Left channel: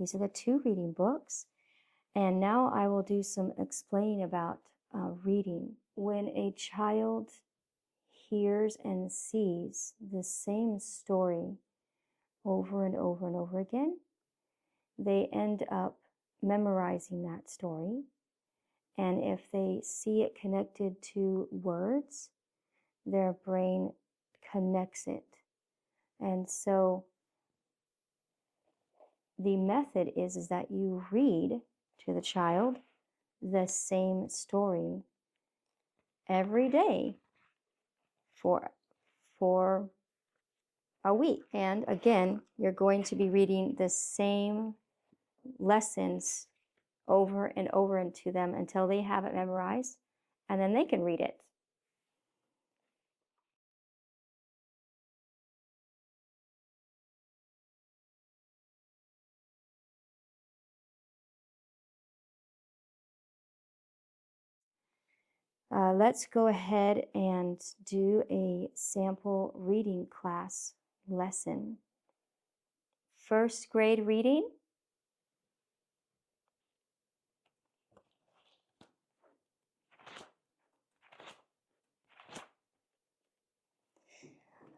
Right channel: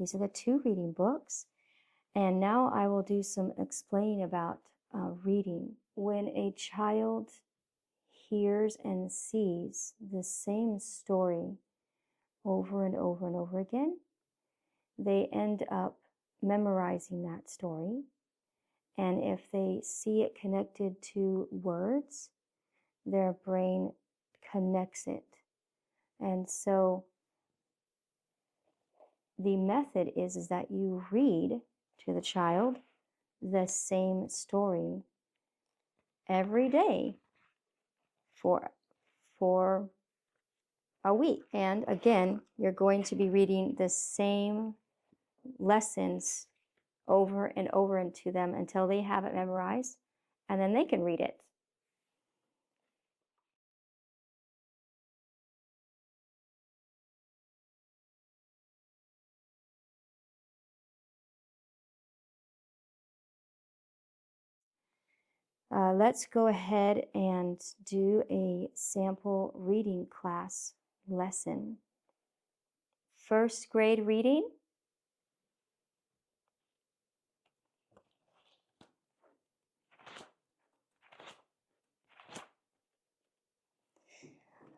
These are the 2 reading books. And now I will do some explaining about reading. When a child hears and sees the same story over and over and over again, they end up memorizing that story. And if they see it connected to words, their brain connects it. And so the method is that you read to the child the same story every day for a week. And again, you're going to be reading the same lessons over and over into them until they have it memorized, and then they can read it. Let's go ahead and do a sample reading class lesson. First grade reading.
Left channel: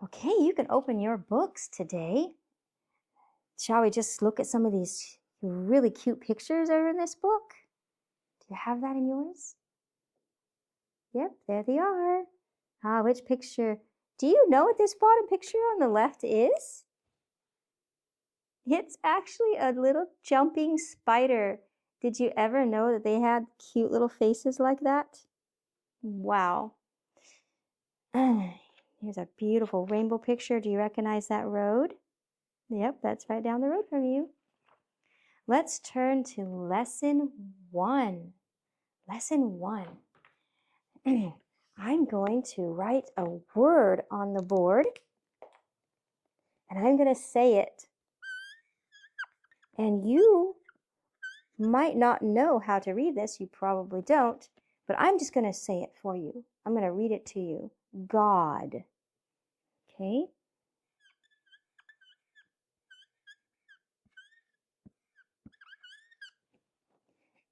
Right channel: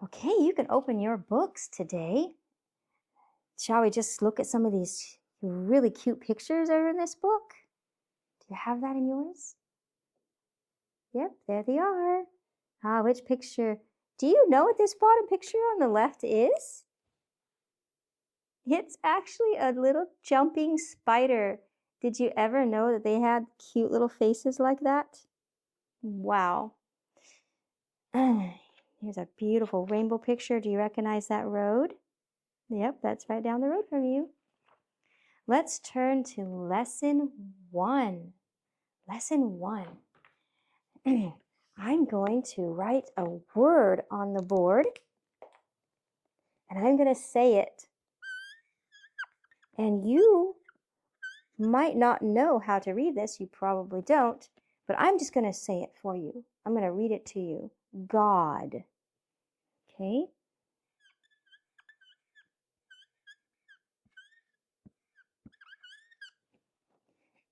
Okay, you can open your books today. Shall we just look at some of these really cute pictures that are in this book? Do you have that in yours? Yep, there they are. Which picture? Do you know what this bottom picture on the left is? It's actually a little jumping spider. Did you ever know that they had cute little faces like that? Wow. Here's a beautiful rainbow picture. Do you recognize that road? Yep, that's right down the road from you. Let's turn to lesson 1. Lesson 1. I'm going to write a word on the board, and I'm going to say it. And you might not know how to read this. You probably don't, but I'm just going to say it for you. I'm going to read it to you. God. Okay?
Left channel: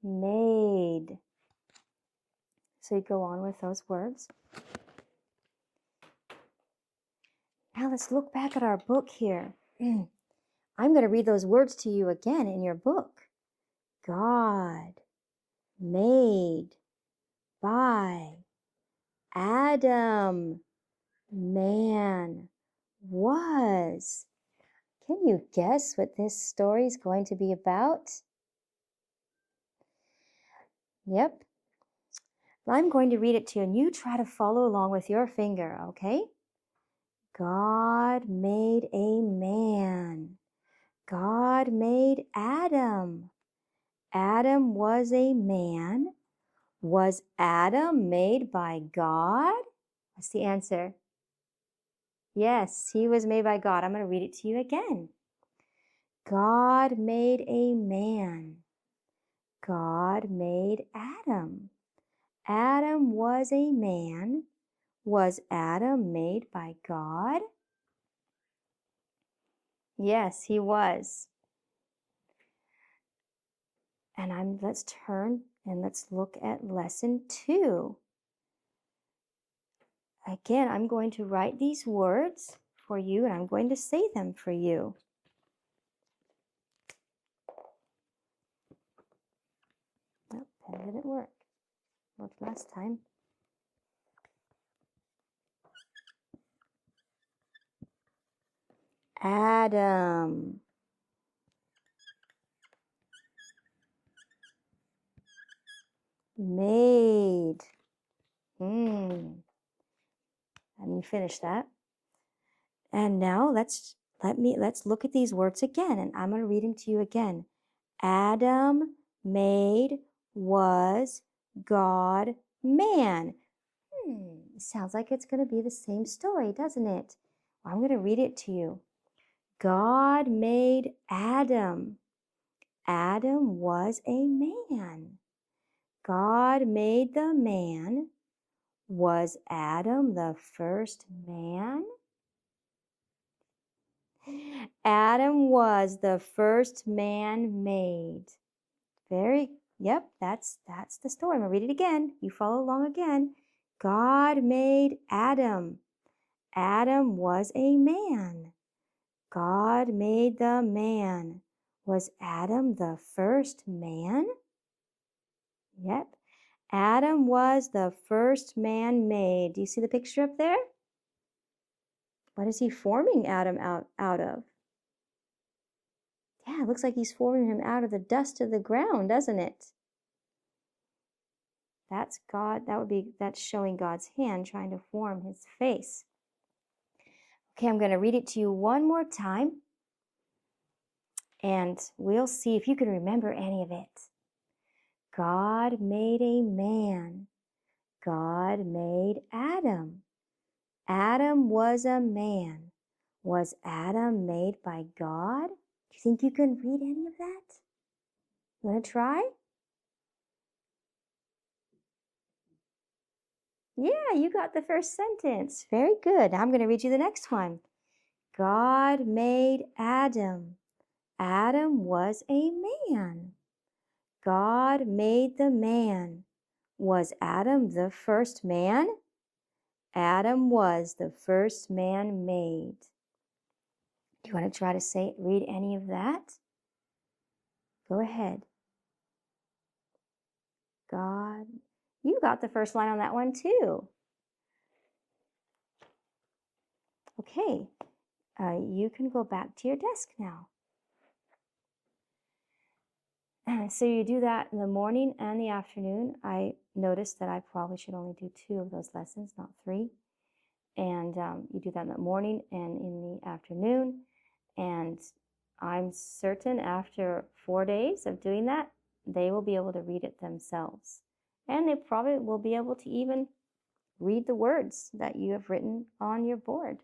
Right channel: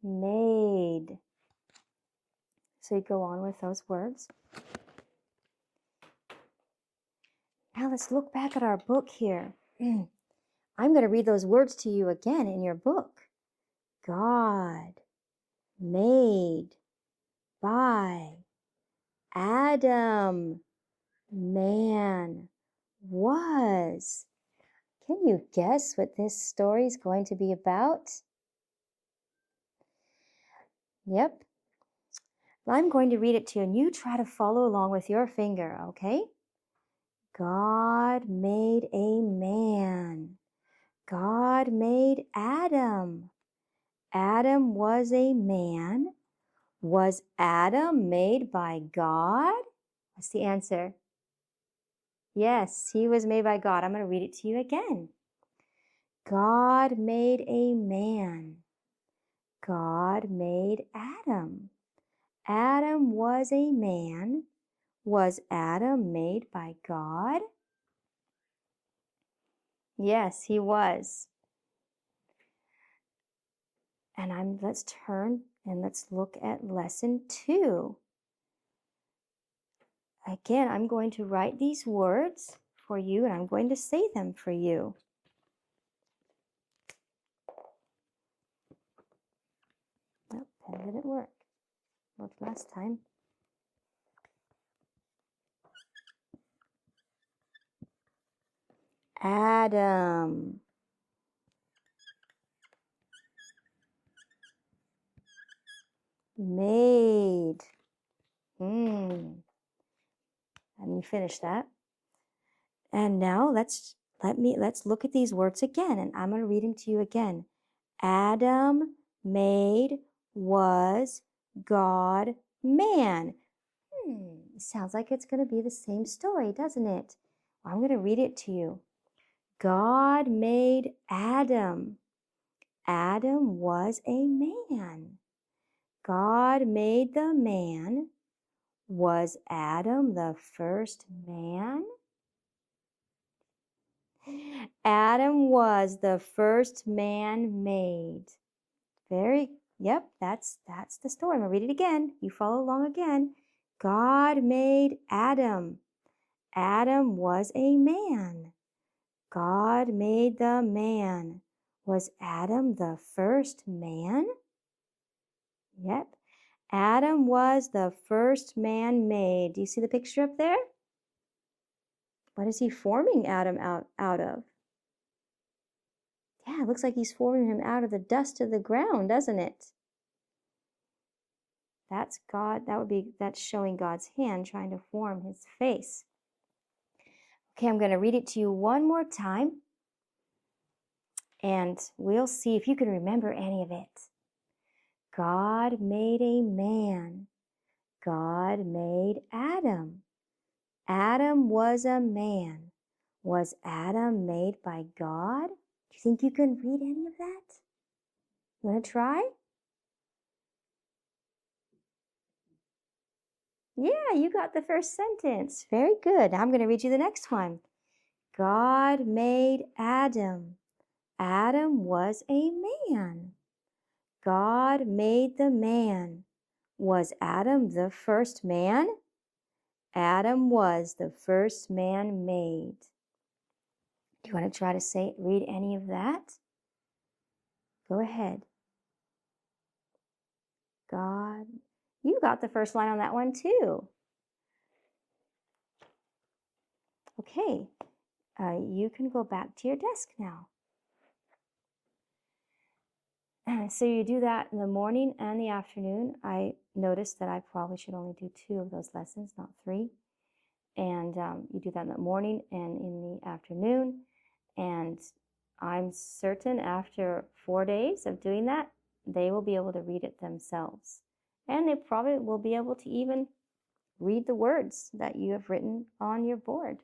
Made. So you go on with those words. Now let's look back at our book here. I'm going to read those words to you again in your book. God. Made. By. Adam. Man. Was. Can you guess what this story is going to be about? Yep. Well, I'm going to read it to you, and you try to follow along with your finger, okay? God made a man. God made Adam. Adam was a man. Was Adam made by God? What's the answer? Yes, he was made by God. I'm going to read it to you again. God made a man. God made Adam. Adam was a man. Was Adam made by God? Yes, he was. And let's turn and let's look at lesson 2. Again, I'm going to write these words for you, and I'm going to say them for you. Nope, that didn't work. Worked last time. Adam. Made. And you finish that. And now let's look at these words again, and I'm going to read them to you again. Adam made was God man. Sounds like it's going to be the same story, doesn't it? Well, I'm going to read it to you. God made Adam. Adam was a man. God made the man. Was Adam the first man? Adam was the first man made. Yep, that's the story. I'm going to read it again. You follow along again. God made Adam. Adam was a man. God made the man. Was Adam the first man? Yep. Adam was the first man made. Do you see the picture up there? What is he forming Adam out of? Yeah, it looks like he's forming him out of the dust of the ground, doesn't it? That's God. That's showing God's hand trying to form his face. Okay, I'm going to read it to you one more time, and we'll see if you can remember any of it. God made a man. God made Adam. Adam was a man. Was Adam made by God? Do you think you can read any of that? You want to try? Yeah, you got the first sentence. Very good. Now I'm going to read you the next one. God made Adam. Adam was a man. God made the man. Was Adam the first man? Adam was the first man made. Do you want to try to read any of that? Go ahead. God. You got the first line on that one too. Okay. You can go back to your desk now. So you do that in the morning and the afternoon. I noticed that I probably should only do 2 of those lessons, not 3. And you do that in the morning and in the afternoon. And I'm certain after 4 days of doing that, they will be able to read it themselves. And they probably will be able to even read the words that you have written on your board.